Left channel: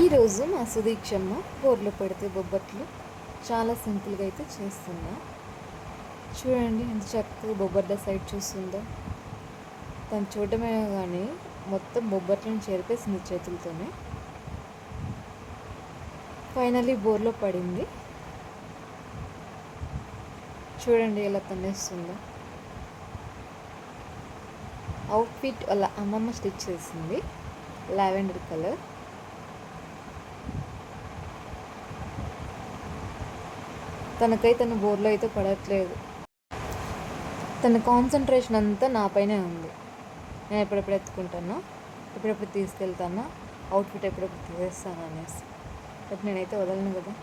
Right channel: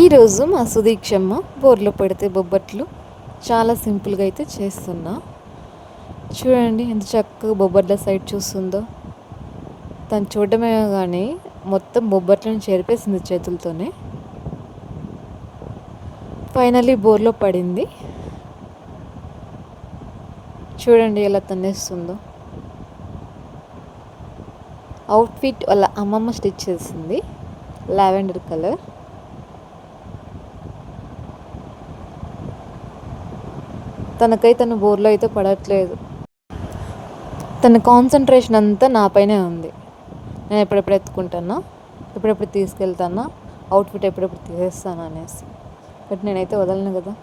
ఈరోజు మా సుదీక్షమ్మ బోర్లో పెడితే బొబ్బట్లు చాలా సింపుల్గా అయితే చేస్తున్నా. చూడండి ఎంత చక్కగా బొబ్బట్ల సైడ్ చూస్తుందో. తను చూడడమే కానీ మొత్తం బొబ్బట్లను చెరిపేసింది చేతులతోనే. ఫైనల్లీ బోర్లో పడింది. చూడండి ఎలా తన్నేస్తుందో. అవుట్ఫిట్ వాళ్ళ అమ్మమ్మ స్టిచ్ చేసింది, లావెండర్ కలర్. తన బోర్లో అయితే పడట్లేదు. తన కాన్సన్ట్రేషన్ అంతా నాపైనే ఉంది. నేను ఎప్పుడెప్పుడు ఎత్తుకుంటానో, ఎప్పుడెప్పుడు తీసుకెళ్తానో, అవుట్ఫిట్ ఎప్పుడెప్పుడు తీసేస్తాను అనేసి. బట్ నేనైతే వదలను కదా.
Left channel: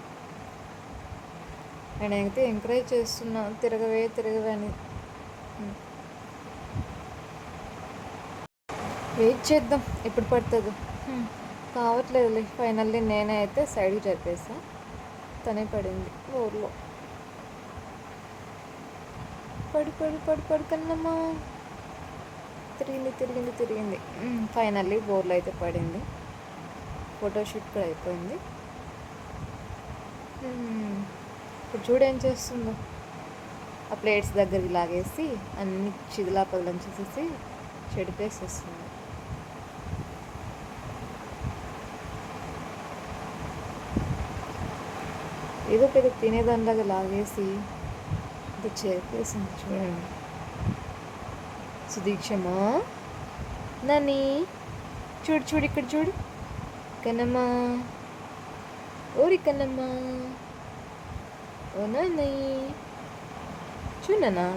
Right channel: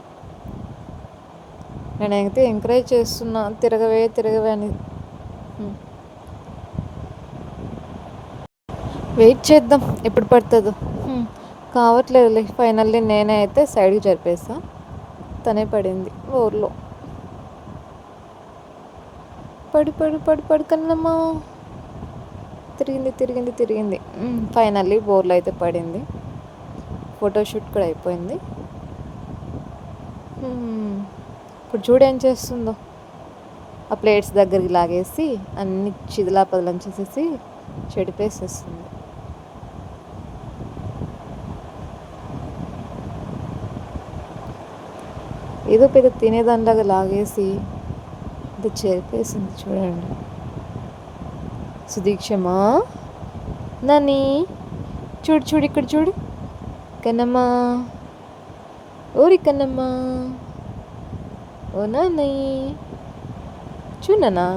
నేనైతే ఎంకరేజ్ చేస్తున్నా, తిరగవే అని. వెయిట్ చేద్దాం ఎప్పుడు పడుతుందో. కావట్లేదులే. ఫైనల్లీ నేనే అయితే సైడ్కి జరిపేసా. తనే పడింది ఊర్లో. పడు కన్నమ్మా. తిరిగింది. ఫైనల్లీ బోర్లో అయితే పడింది. ఫోటోషూట్ కూడా అయిపోయింది. ఇప్పుడు చూడేం చేస్తుందో. ఆ ప్లేట్స్ దగ్గరికి లాగేసి అన్ని చిదిలాపదలం చేసేసి చెడిపేసేస్తుంది. ఏదో పెద్ద తినేదానిలాగా లాగేసి అది చెరిపేసింది. చూడండి సుదీక్షమా. నాని చూడు ఇక్కడ చూడు. కన్నమ్మా, ఓరి కన్నమ్మా, ఓ నాని చూడనా.